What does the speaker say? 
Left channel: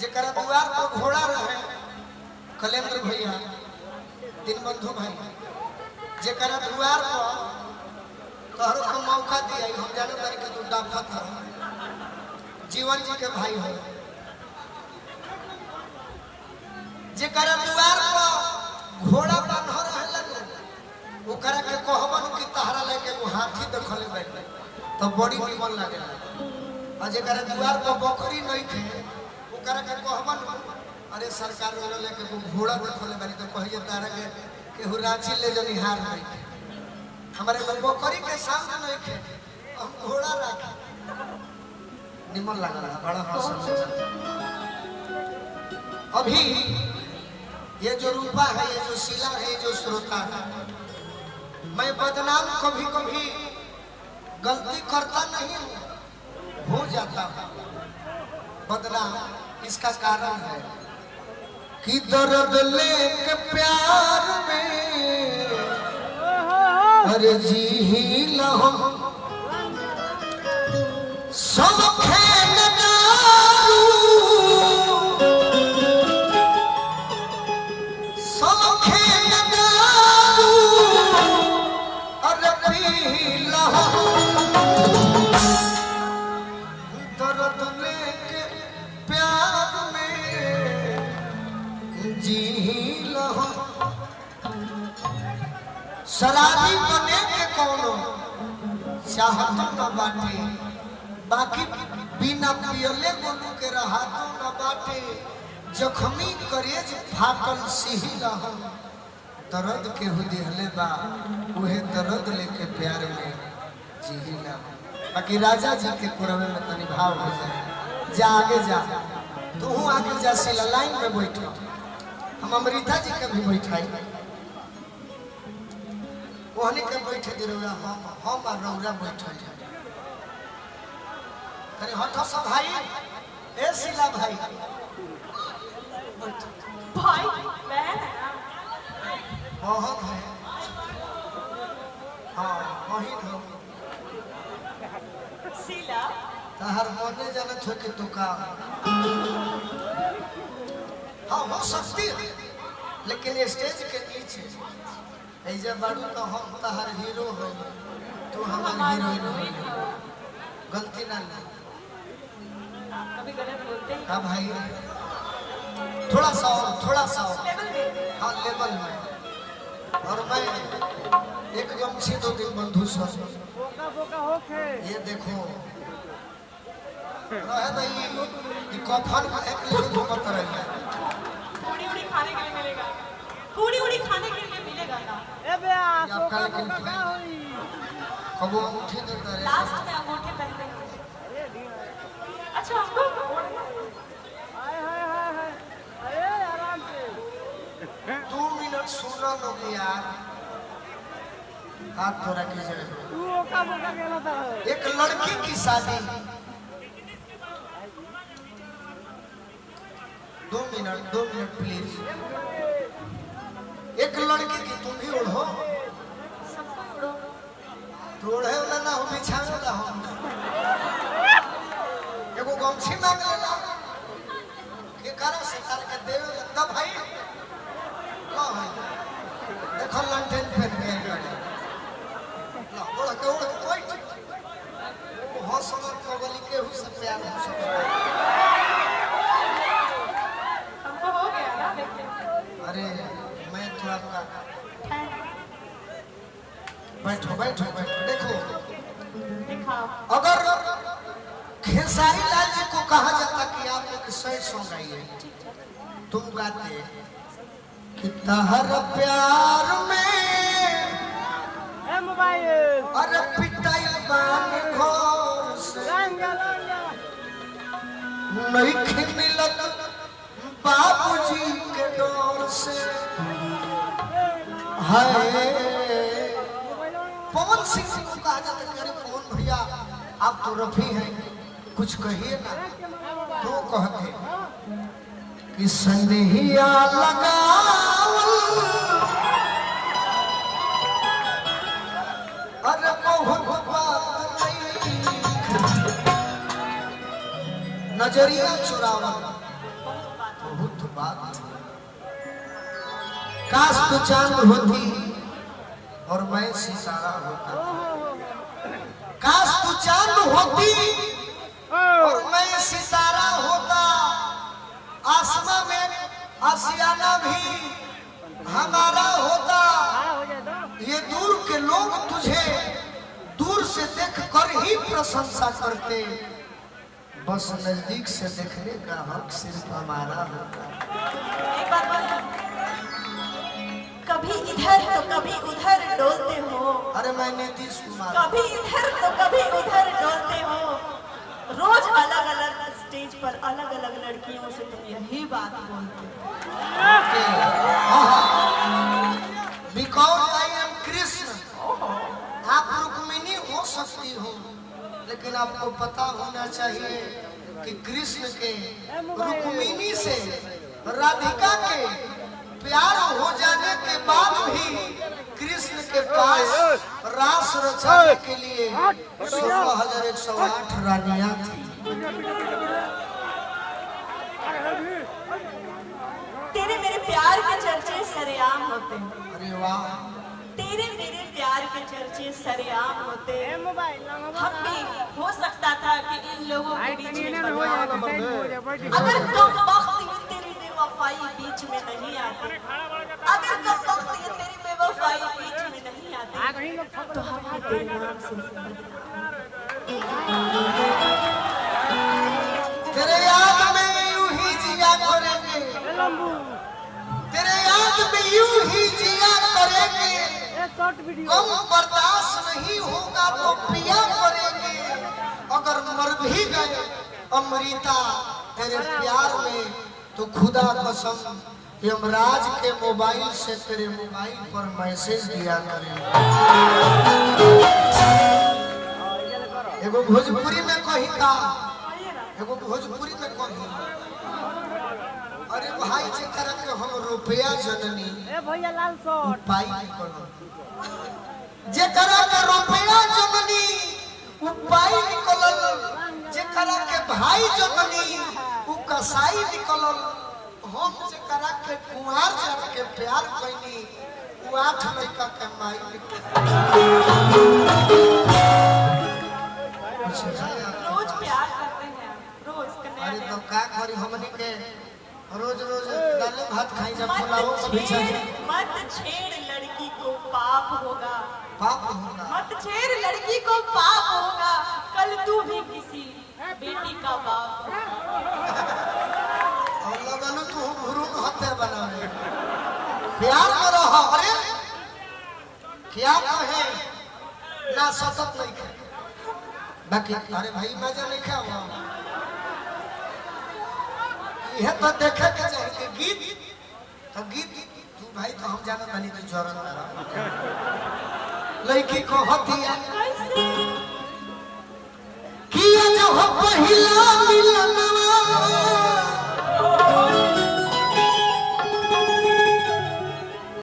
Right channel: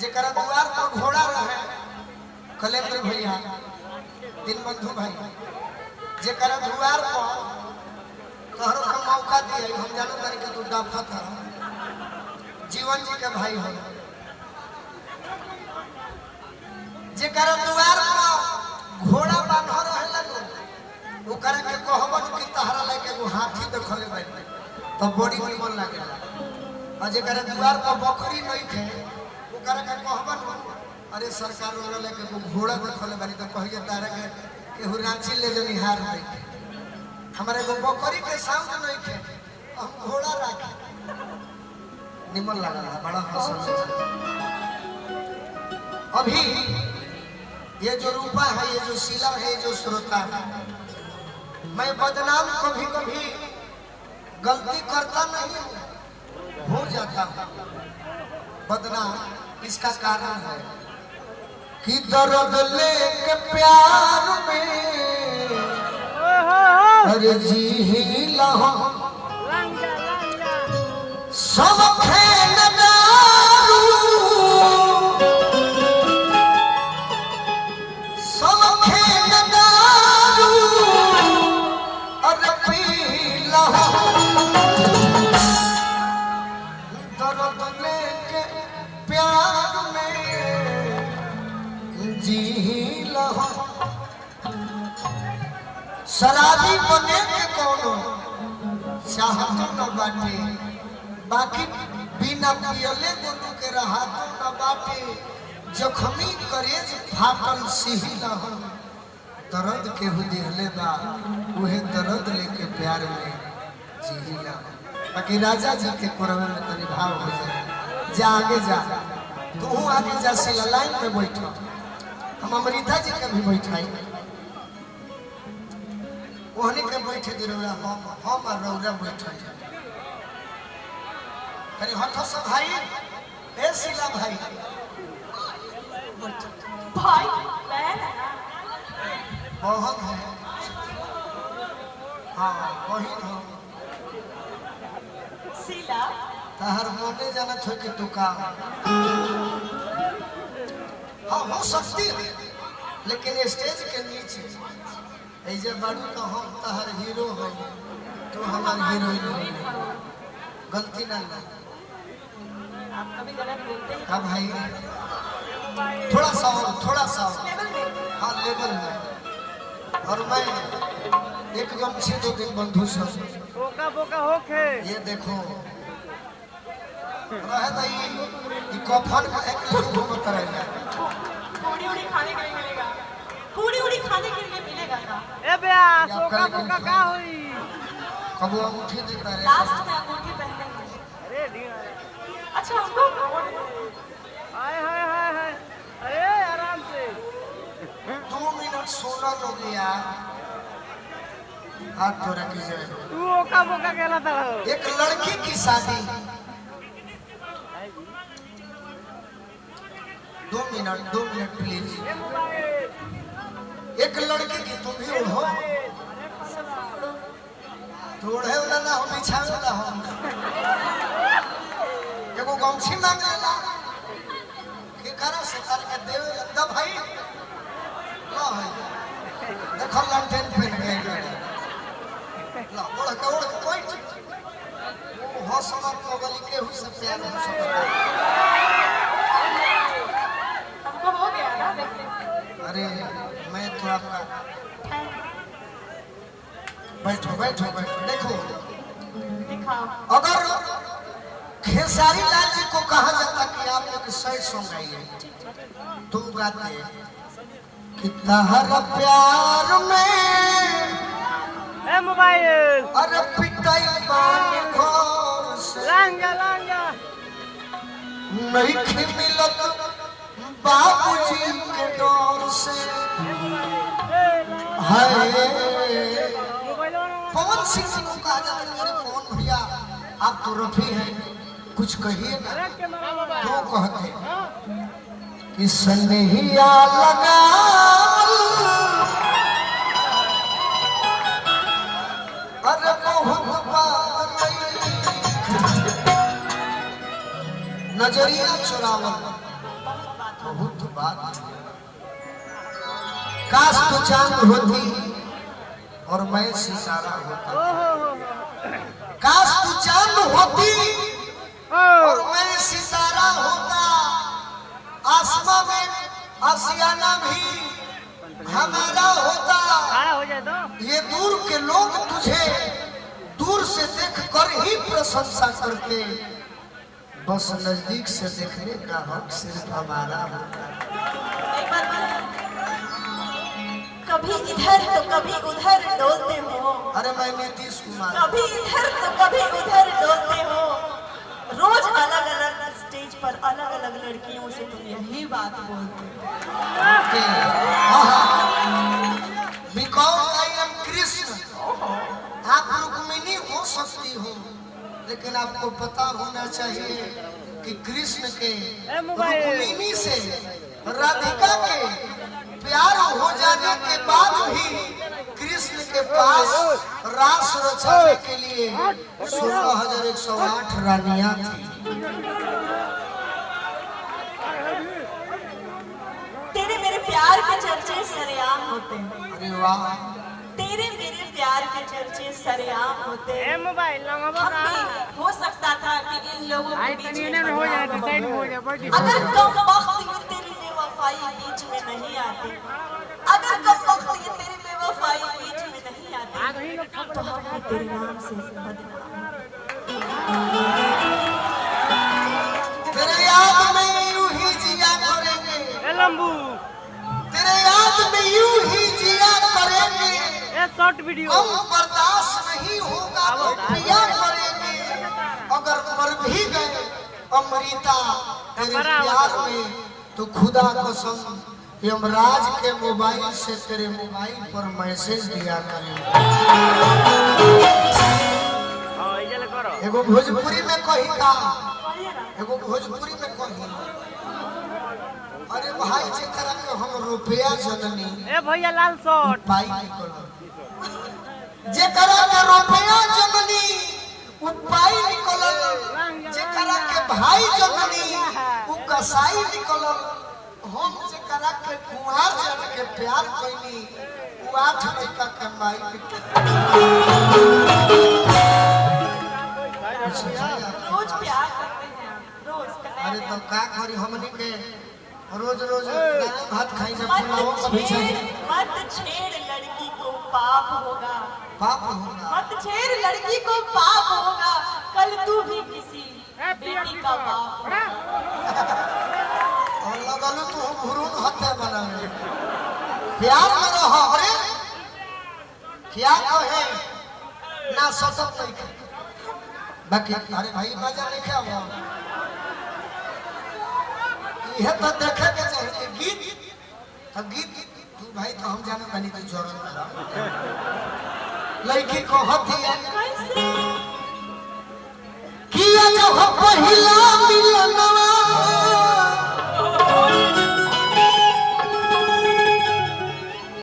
जेकरा द्वार पर घोड़ा रहे कलेंद्र भैया दीनबंधु भाई जेकरा द्वार पर तोहरो को मौका दिया हम जानो तारी के तू डाफत है जीवन जी के भाई हो जेकरा द्वार पर घोड़ा बांध रहे लगो ओकरा के कहबन कि तहरा लेके वो हाथी देखले बैठ तो बड़ी निमन लागेला और जेकरा द्वार पर बकरी नहीं थे ओकरा के कहबन अरे सरकार वाला लेके वो घोड़ा देखले बारी तो कहिए तारा के केहू रांची ले जनी हार नहीं हमारे तो बकरी के सामने नहीं थे हम घोड़ा रखा निमन लगा बड़ा हंस अभी ये जो रूपा है ये जो शिला है ये जो श्रोता है मैं बदनाम कभी कभी गलती करता नहीं हूँ हो जाता हूँ बदनाम इसका कारण है कि दर्द लेके प्यार में अरे जी लहो सब खेल दारू सब खेल दारू अरे पी लहो दर्द लेके प्यार में जी लहो शराबी बने के कोनो चाहतो न बाटे बाकी बिना पियले गोलू के रहातो न बाटे जखमी करेज फाटल सिही रहम दर्द के हु दिहले बा उहे दर्द लेके प्यार में जीला बाकी राजा जी के कोरवे में तनी भाव हो जाए जा आगे जा तू आगे जा से लाइन में बैठो हम अमृता जी के भी बैठाई ओहनी के बैठे दे रौरा हम और रौरा बैठल कहीं हटो सब भाई ए शिला भाई भाई बहन बहुत है हाँ वही हो शिला तहर मोने जाना छो के टुका हाँ हो सकती है लेकिन स्टेज के नीचे ऐसे बारू तो हम तहर हीरो हो तू हमार हीरोइन हो गलती ना ले कभी गलत बोलते हैं हाँ भाई थोड़ा सा और हाँ लेवल में और मैं एक गमछी दो दिन बंधु सब बोका बोका होके ये देखो रहे भाई ये कफन का एक घूमत रहेगा पूरी उड़ी खाने के लिए मिलेगा पूरी उड़ी खाने के लिए मिलेगा ना ए बेया बोका बोका का होई कबो अंगूठी देता रहे लास्ट में अंगूठी पहनते हैं अरे दी अच्छा हमको हाय हाय हाय हाय अरे आराम से 2 मिनट सोना लोग यार हाथ थोड़ा कीजिए तू बोका बोका कहला था एक लड़की की शादी 2 मिनट प्लीज एक लड़की की तुम ही उड़ो तो उड़े ना हो बिछावे ना हो एगो गमछी मांग लेला के करे से तार के देवे तब भाई ना है देखो लंटेन पहन के ना उड़ के कोई वो हौसला कबली के हुई से प्यार हो सकता हमको हो गया ना देखते अरे मैं तो आपका बैठो देखो दिखाओ अगर खेसारी लाल जी को कहा जाता कि आप एक 100 सॉन्ग गाइए तुम गाते कि तहर प्यार में ए मोबाइल अरे पिटाई बानी घर से लांगा नहीं मिलत बाबूजी के डर से हाय पवन सिंह जी को कहा जाता है अरे पवन भैया आप तो रफी हैं कुछ कहिए ना तो कहते कि सनहिया लगा अरे बहुत बात नहीं नजरिया चुरावल बहुत बात। काश तू चांद होती और मैं सितारा होता। काश तू चांद होती और मैं सितारा होता। आसमां में आशियाना भी हमारा होता। ये दूर के लोग तुझे दूर से देख कर ही प्रशंसा करते, बस नजदीक से देखने का हक सिर्फ हमारा होता। कभी इधर तो कभी उधर डोलते हो। अरे मैं नीतीश कुमार। कभी इधर तो कभी उधर डोलते हो। रोज अलग अलग स्टेज पर अलग अलग लड़कियों से तुम यही बात बोलते हो। Because I am Krishna. आप रुक्मिणी हो सकती हो, लेकिन आपको पता होना चाहिए कि कृष्ण के रुक्मिणी से राधिका के प्यार हो जाने के बाद भी कृष्ण के पास रास रचाने के लिए 16,108 रानियां थी। तेरे मेरे प्यार के चर्चे सरेआम होते हैं। अरे वाह। तेरे मेरे प्यार के चर्चे सरेआम होते हैं। हम भी हो सकता था कि इन लोगों के बीच में अगर कम वक्त ये तेरी बेवफाई बीच में नहीं आती, अगर कम वक्त ये तेरी बेवफाई बीच में नहीं आती, तो हम तेरे नाम से तेरे याद में यूं ही जिया करेंगे। तेरे याद में यूं ही जिया करेंगे। हम बर्दाश्त नहीं होगा तो पिया करेंगे। अगर मर भी गए अमृता तेरे प्यार में, तो खुदा कसम यमराज के मोबाइल से तेरे मोबाइल पर मैसेज दिया करेंगे। एगो भोजपुरी में कही का, एगो भोजपुरी में कही, अरे भाई जेकरा के हम रुपया जननी भैया लाल शॉट पाई निकलो, जेकरा के रुपया जननी उपाय निकलल, जेकरा के भाई जननी उ कसाई निकलल। हम जेकरा के कुंवार जन के प्यार कइनी उ 8 लड़का के माई रोज प्यार करते हैं, रोज कनेक्ट। अरे तो का करी हमनी के रोज रोज दाल भात खाई जा मत पुलाव कभी छेड़ लड़की को पाप होगा। पाप होगा। मत छेड़ लड़की को पाप होगा। कल तू भी किसी बेटी का बाप होगा। और लगल तू भ्रूण हत्या बनाने प्यार में रहो। अरे क्या कहे ना सतत नहीं बाकी। अरे भाई मजा नहीं क्या हुआ, यह तो देखे के चाहिए गीत। तो गीत तू भाई तो हम जाने बनी तो जोरन लड़की को होती है किया जो हो पहिला